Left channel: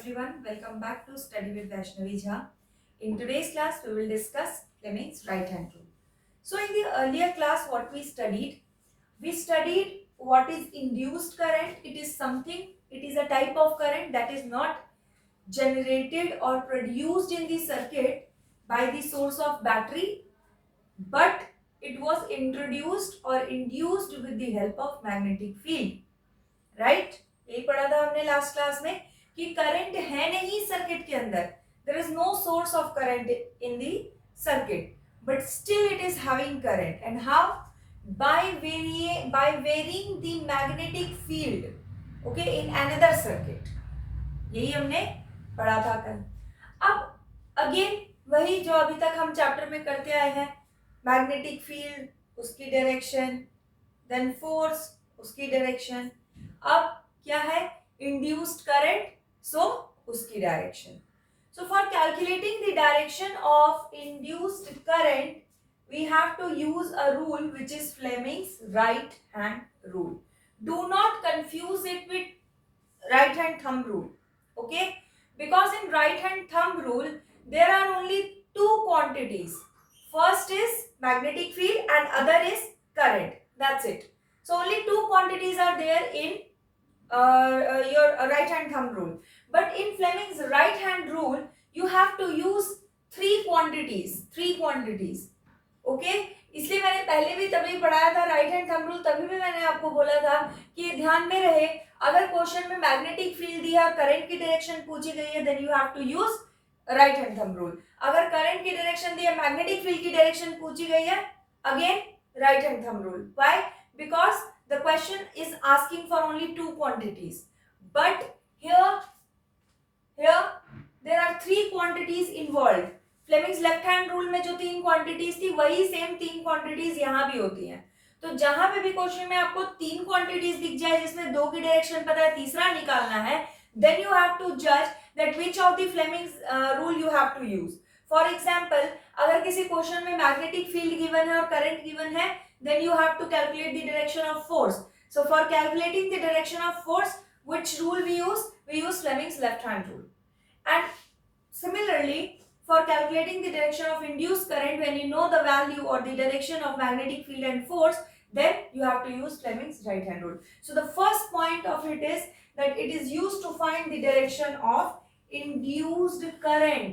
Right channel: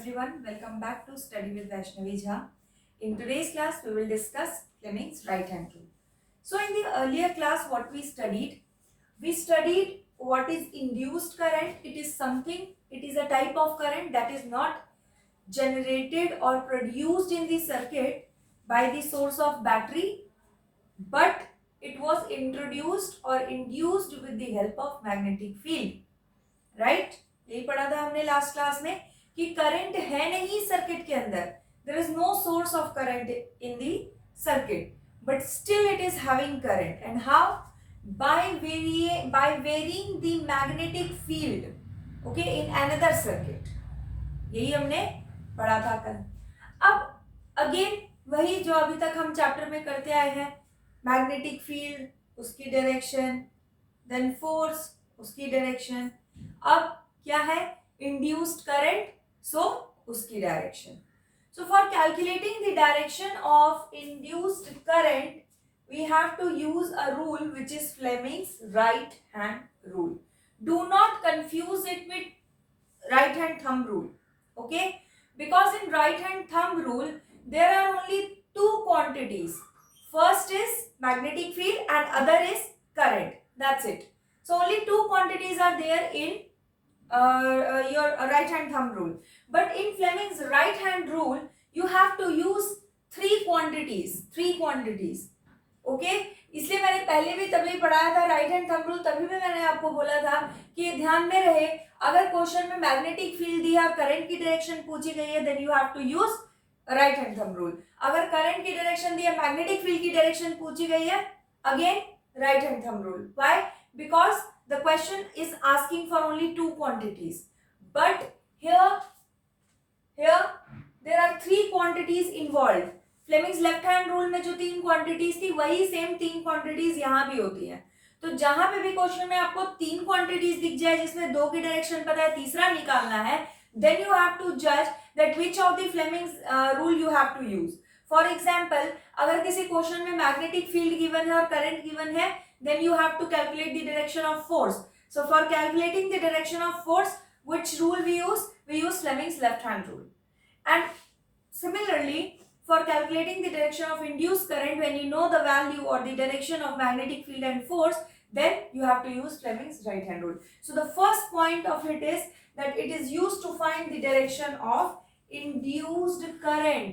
everyone, welcome back to Study with Vaishnavi Jha. In today's class, we will discuss Fleming's right hand rule. So in the earlier class, what we studied what is induced current. It is a type of current that is not generated or produced in the circuit by the source of battery, but it was introduced or induced with the help of magnetic field. Right यही पढ़ा था हमने last class में कि करंट है नहीं circuit के अंदर, there is no source of current in the circuit, but still it is having current. And how? by varying the magnetic field, okay, in another circuit. यही हमने पढ़ा था कल. अब अगेन वही जो अभी तक हम चैप्टर में करते आए हैं, मैग्नेटिक फील्ड उसकी डायरेक्शन, देन फोर्स उसकी डायरेक्शन. अब क्या है? इंड्यूस्ड करंट, सो उसकी डायरेक्शन. सो for calculating the direction of induced current we have to use a rule which is Fleming's right hand rule. Do not confuse it with right hand thumb rule, okay? Because in right hand thumb rule there are only two quantities. First is magnetic field and other is current. That's it. So only two quantities are there in your right hand thumb rule. But in Fleming's right hand rule you have to use three quantities. Okay इसलिए मैंने पहले भी तभी पढ़ाया था right hand thumb rule. तभी भी मैंने आपको बोला था कि ध्यान में रहे, अगर क्वेश्चन में मैग्नेटिक फील्ड दिया और करंट की डायरेक्शन पूछी गई है, then you have to use right hand thumb rule. अगर करंट की डायरेक्शन दिया, मैग्नेटिक फील्ड की डायरेक्शन पूछी गई है, again right hand thumb rule. Why? Because the question is asking for only two quantities, but here there are three quantities involve. Fleming's left hand rule में जो तीन क्वांटिटीज थी, वही सेम तीन क्वांटिटीज यहाँ भी होती हैं. तो जहां पे भी क्वेश्चन में आपको तीन क्वांटिटीज दिख जाए जिसमें दो की डायरेक्शन पता है, तीसरा निकालना है, देन यू हैव टू जज that which of the Fleming's rule you have to use. For example, अगर किसी क्वेश्चन में मैग्नेटिक फील्ड गिवन है और करंट गिवन है, then you have to calculate the direction of force. So for calculating the direction of force, which rule we use Fleming's left hand rule. And similarly, for calculating the direction of induced current, when you know the value or the direction of magnetic field and force, then you have to use Fleming's right hand rule. So the first point of it is that it is used to find the direction of induced current.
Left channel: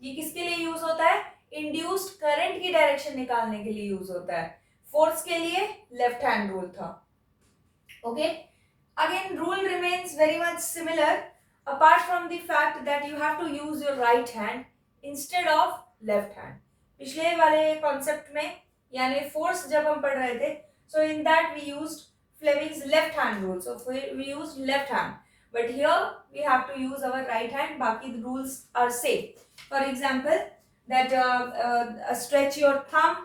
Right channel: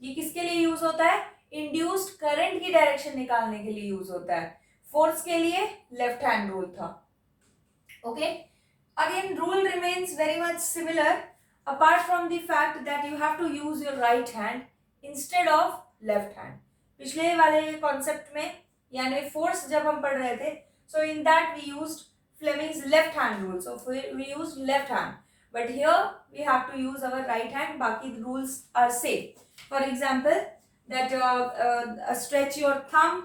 ये किसके लिए यूज होता है? Induced current की डायरेक्शन निकालने के लिए यूज होता है. फोर्स के लिए लेफ्ट हैंड रूल था. Okay, again rule remains very much similar, apart from the fact that you have to use your right hand instead of left hand. पिछले वाले कॉन्सेप्ट में यानी फोर्स जब हम पढ़ रहे थे, so in that we used Fleming's left hand rule, so we used left hand, but here we have to use our right hand. बाकी the rules are same. For example, that stretch your thumb,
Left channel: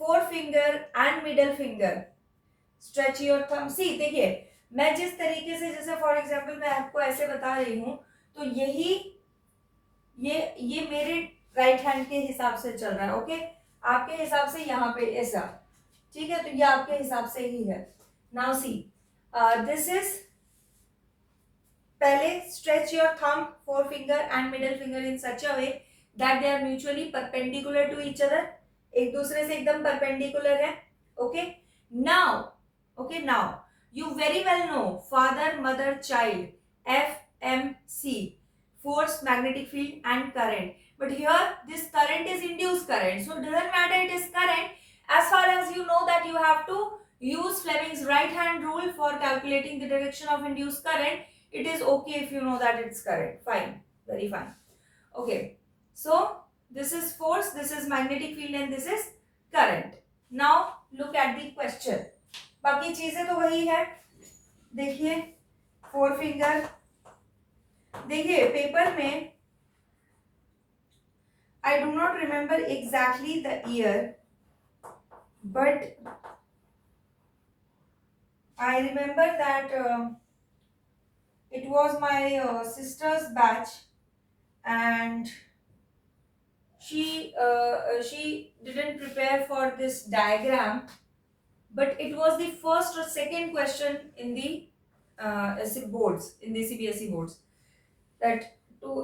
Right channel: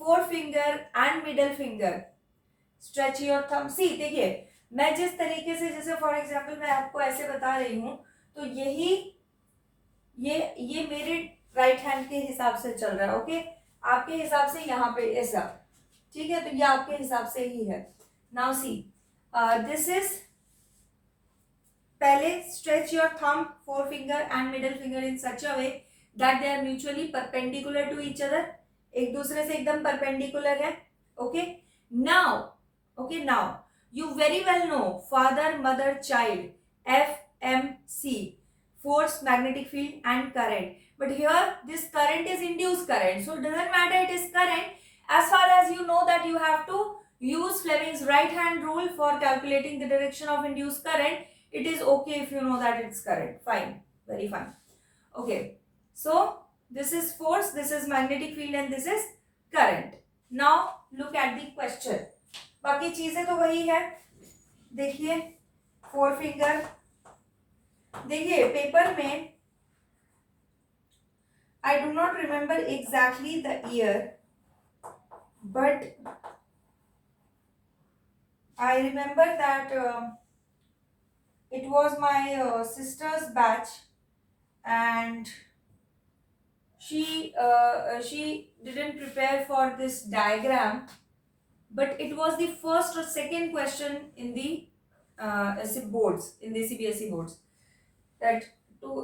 forefinger and middle finger. Stretch your thumb. See, देखिए मैं जिस तरीके से, जैसे for example मैं आपको ऐसे बता रही हूँ, तो ये मेरे राइट हैंड के हिसाब से चल रहा है. ओके, आपके हिसाब से यहाँ पे ऐसा, ठीक है, तो ये आपके हिसाब से ही है. नाउ सी, दिस इज, पहले stretch your thumb, four finger and middle finger in such a way that they are mutually perpendicular to each other. एक दूसरे से एकदम परपेंडिकुलर है. Okay, now you very well know father, mother, child, FMC, force, magnetic field and current. But here this current is induced current, so it doesn't matter, it is current. As far as you know that you have to use Fleming's right hand rule for calculating the direction of induced current, it is okay if you know that it's current. Fine, very fine. Okay, so this is force, this is magnetic field and this is current. Now look at the question. बाकी चीजें तो वही है. देखिए four finger, देखिए पेपर में I do not remember exactly the year, but I remember that it was my sisters batch and she didn't prepare for this diagram, but it was the first or second question in the boards, in the CBSE boards. that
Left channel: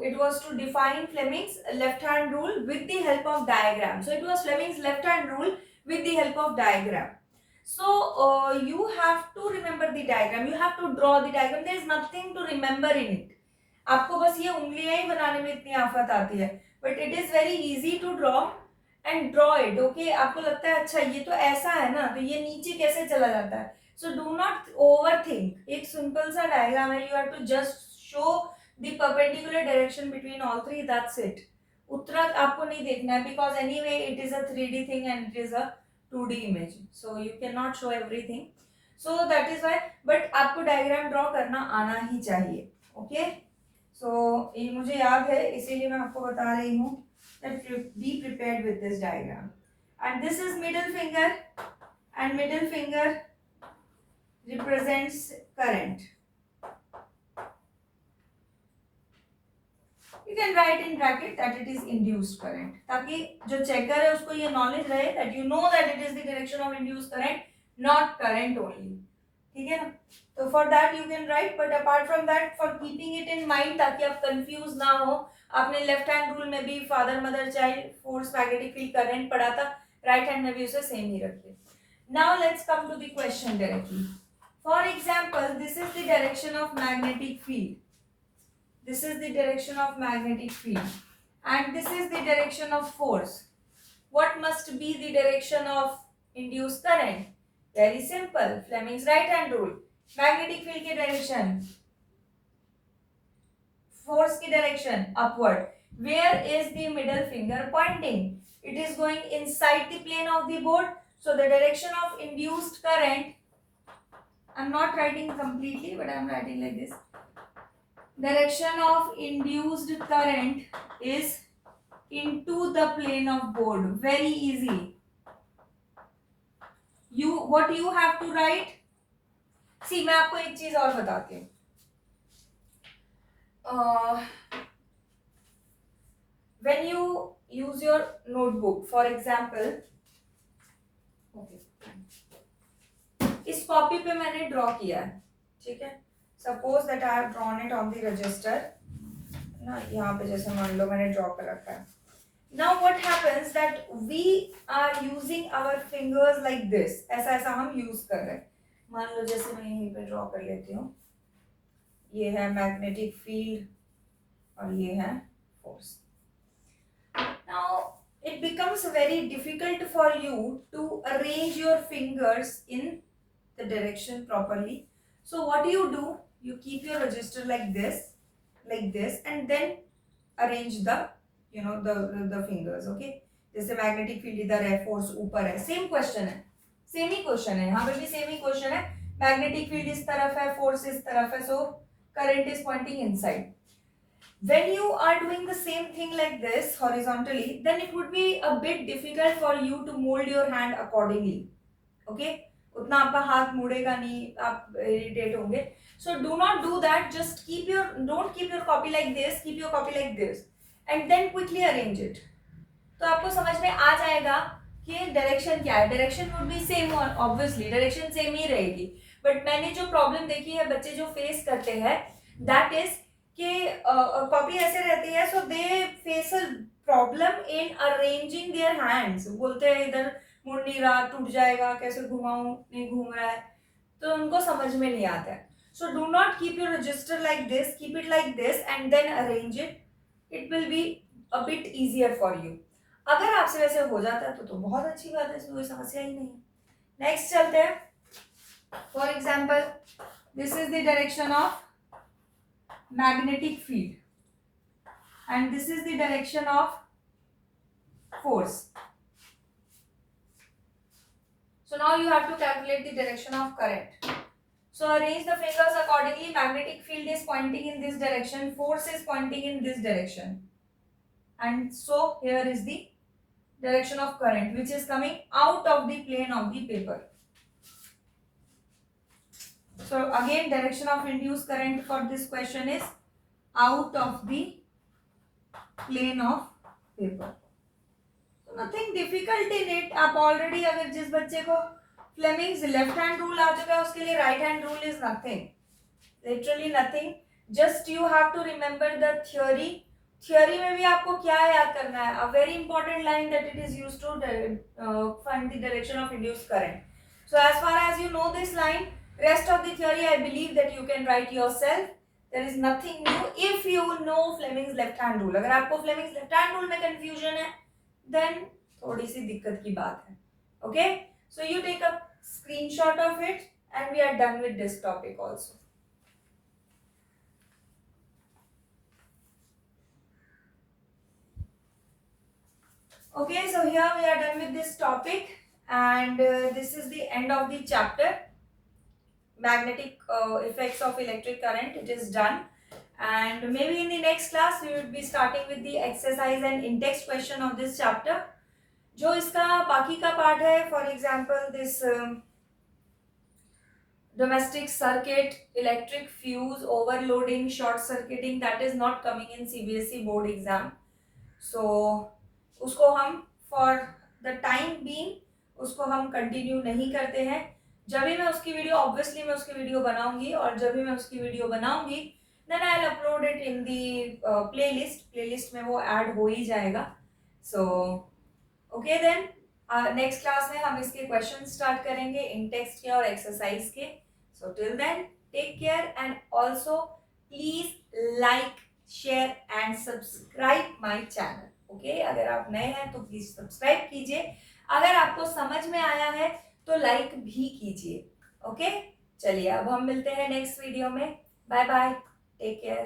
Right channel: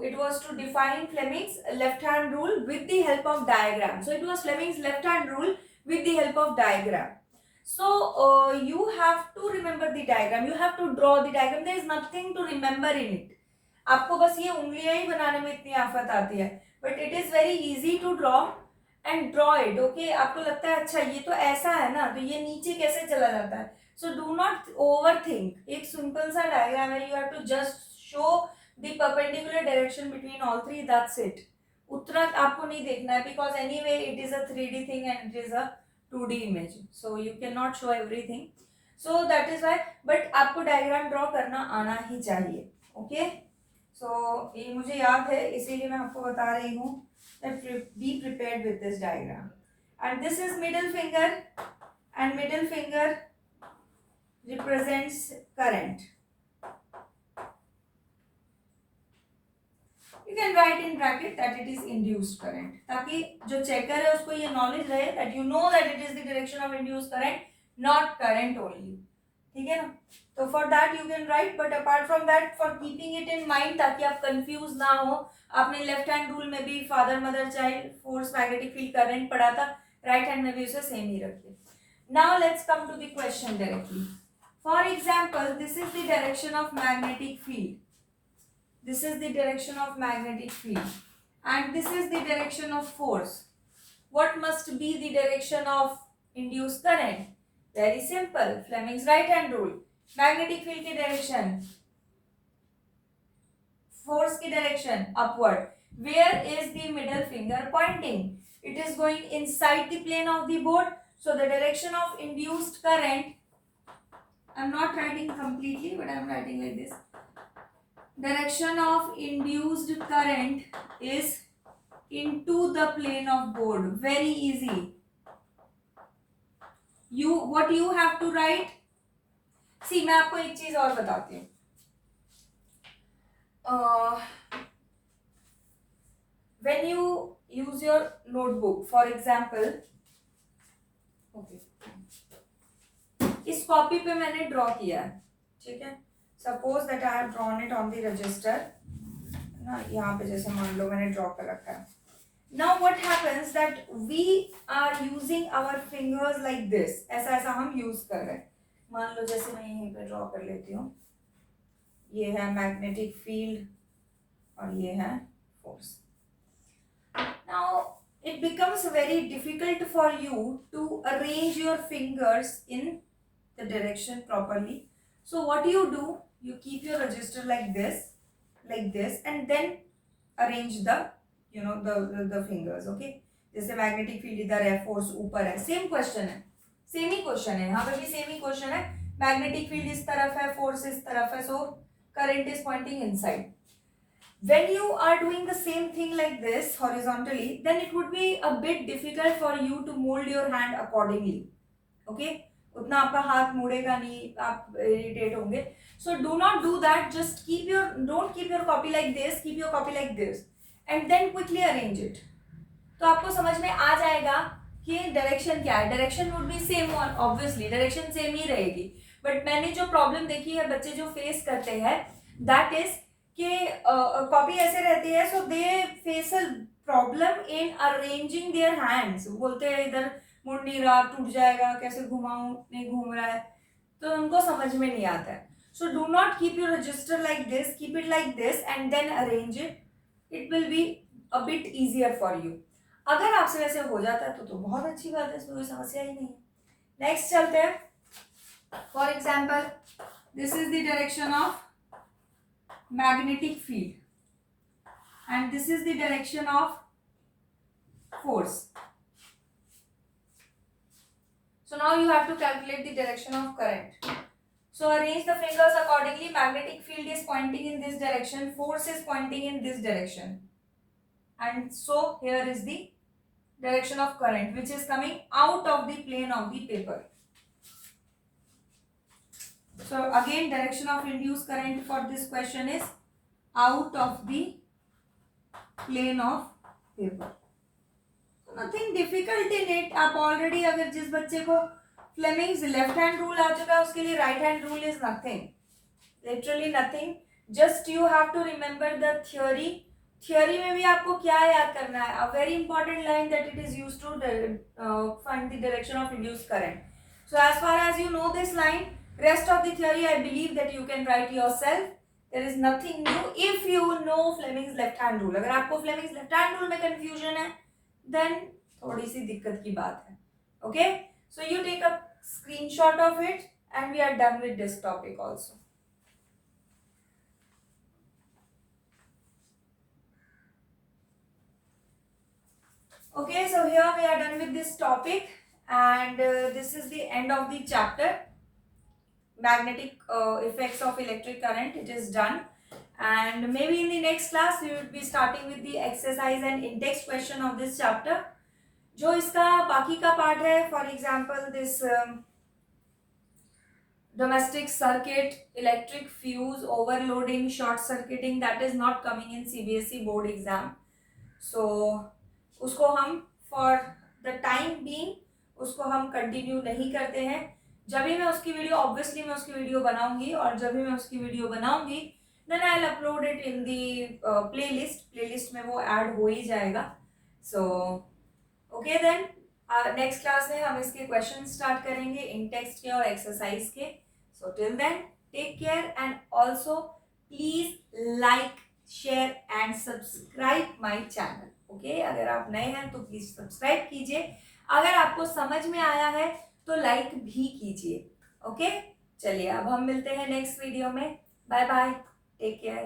it was to define Fleming's left hand rule with the help of diagram. So it was Fleming's left hand rule with the help of diagram. So you have to remember the diagram, you have to draw the diagram. There is nothing to remember in it. आपको बस ये उंगलियां ही बनाने में इतनी आफत आती है, but it is very easy to draw and draw it. Okay, आपको लगता है अच्छा ये तो ऐसा है ना, तो ये नीचे कैसे चला जाता है. So do not overthink. एक सिंपल सा डायग्राम है, you have to just show the perpendicular direction between all three, that's it. उत्तरा आपको नहीं देखना है, because anyway it is a 3D thing and it is a 2D image, so you cannot show everything. So that is why, but आपको diagram draw करना आना ही चाहिए. ओके, सो ये मुझे याद है, इसीलिए मैं आपको बता रही हूँ that be prepared with this diagram. And this is middle finger, and middle finger represents current. You can write in bracket that it is induced current, ताकि जो चेकर है उसको ये नॉलेज रहे that you know that it is the direction of induced current, not current only. ठीक है ना. तो for that you can write, but apart from that, for keeping it in mind, ताकि आप कंफ्यूज ना हो, आपने लेफ्ट हैंड रूल में भी father mother child force magnetic field current पढ़ा था, राइट हैंड में भी उसे सेम ही रखिए. Now let's come to the question directly. For example, this is the direction of magnetic field. This is the direction of magnetic field, and this is the direction of force. What must be the direction of induced current? Very simple. Fleming's right hand rule. Magnetic field की direction, force की direction upward. Where is the middle finger pointing? It is going inside the plane of the board. So the direction of induced current, I'm not writing completely, but I'm writing like this. Direction of induced current is into the plane of board. Very easy. What you have to write? See, मैं आपको एक चीज और बताती हूँ. When you use your notebook, for example, okay, इस कॉपी पे मैंने ड्रॉ किया है, ठीक है. Suppose that I have drawn it on the register ना, यहाँ पे जैसे मान लो मैंने ड्रॉ कर रखा है. Now what happens that we are using our fingers like this. ऐसा ऐसा हम यूज कर रहे हैं. मान लो जैसे मैं यहीं पे ड्रॉ कर लेती हूँ, ये है मैग्नेटिक फील्ड और ये है force. Now it becomes very difficult for you to arrange your fingers in the direction properly. So what do? You keep your register like this, and then arrange the the fingers. Okay, जैसे magnetic field इधर है, फोर्स ऊपर है. Same question है, सेम ही क्वेश्चन है, यहाँ पे भी सेम ही क्वेश्चन है. मैग्नेटिक फील्ड इस तरफ है, फोर्स इस तरफ है, so current is pointing inside. When you are doing the same thing like this horizontally, then it would be a bit difficult for you to mold your hand accordingly. Okay, उतना आपका हाथ मुड़ेगा नहीं, आप इरिटेट होंगे. So do not do that. Just don't keep your copy like this. Keep your copy like this, and then quickly arrange it. तो आपको समझ में आ जाएगा कि डायरेक्शन क्या है. Direction would be same, obviously direction same ही रहेगी. बट मैंने जो प्रॉब्लम देखी है बच्चे जो फेस करते हैं, दैट इज कि कॉपी ऐसे रहती है, so they face a problem in arranging their hands. बोलते हैं इधर मुड़ नहीं रहा, टूट जाएगा, कैसे घुमाऊं, नहीं घूम रहा है, तो उनको समझ में नहीं आता है. So do not keep your register like this, keep it like this and then arrange it. It will be a bit easier for you. अगर आपसे वैसे हो जाता है तो बहुत अच्छी बात है, इसमें कोई समस्या ही नहीं है. नेक्स्ट चलते हैं. For example, this is the direction of magnetic field and this is the direction of force. So now you have to calculate the direction of current. So arrange the fingers accordingly. Magnetic field is pointing in this direction, force is pointing in this direction, and so here is the direction of current which is coming out of the plane of the paper. So again, direction of induced current for this question is out of the plane of paper. So nothing difficult in it. आप already, अगर जिस बच्चे को Fleming's left hand rule आ चुका है, उसके लिए right hand rule is nothing, literally nothing. Just you have to remember the theory. Theory में भी आपको क्या याद करना है? A very important line that it is used to find the direction of induced current. So as far as you know this line, rest of the theory I believe that you can write yourself. There is nothing new if you know Fleming's left hand rule. अगर आपको Fleming's left hand rule में confusion है, then थोड़ी सी दिक्कत की बात है. Okay, so you take a screenshot of it and we are done with this topic also. Okay, so here we are done with this topic and this is the end of the chapter. Magnetic effects of electric current, it is done, and maybe in the next class we will be starting with the exercise and in-text question of this chapter. जो इसका बाकी का पार्ट है, for example this domestic circuit, electric fuse, overloading, short circuiting, that is not coming in CBSE board exam. So उसको हम for the time being उसको हम continue नहीं करते हैं. जब भी मैं उसकी वीडियो, ऑब्वियसली मैं उसकी वीडियो बनाऊंगी, और जब भी मैं उसकी वीडियो बनाऊंगी then I will upload it in the playlist में वो ऐड हो ही जाएगा. So okay then next class में हम इसके क्वेश्चन स्टार्ट करेंगे, इन टेक्स्ट के और एक्सरसाइज के. So till then take care and also please like, share and subscribe my channel. Okay, अगर आप नए हैं तो प्लीज सब्सक्राइब कीजिए. अगर आपको समझ में आया है तो लाइक भी कीजिए. ओके, चलिए अब हम मिलते हैं नेक्स्ट वीडियो में. Bye bye, take care.